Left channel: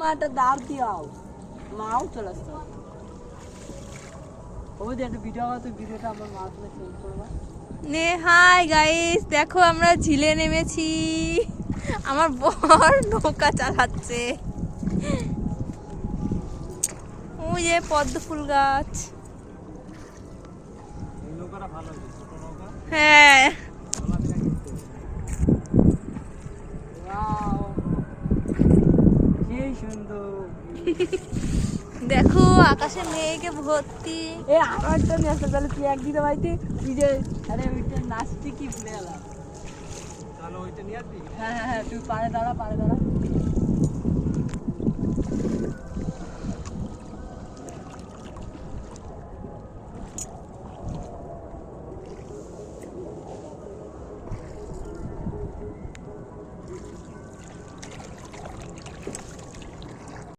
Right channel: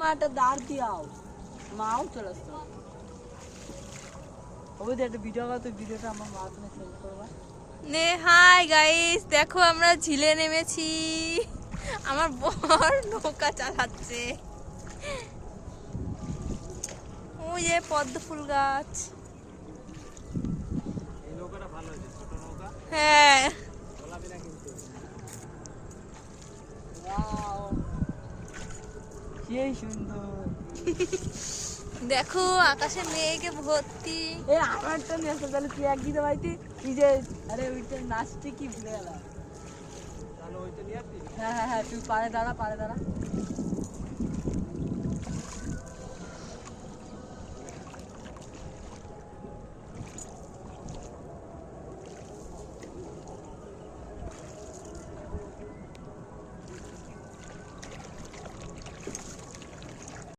মাটা দাঁড় দিয়াও মাও চলে আসতো ওই যে একটা ভিডিও তো ভিডিওটা আমার মা তুমি সেন্ড করবা নে হাই গাইস, দেখো আমরা ঝিলে নেমেছি। আমার বর নৌকা চালাচ্ছে। ওই যে পদ্ম ফুল গাছ। এই নৌকাটা ভালো হয়েছে, ছোট নৌকা। হ্যাঁ, চলাফেরা করতে হবে। ওয়াও কি সুন্দর দেখো আকাশে মেঘে ভর্তি। এ আমার তো নিয়ে আসতে তাহলে তুই একদিন বাড়িতে তুই যে আরে ওইটা নাচতে কি ভুলে গেলাম চলো ওইটা নিয়ে আসি। হ্যাঁ হ্যাঁ হ্যাঁ তুই পারে দাঁড়া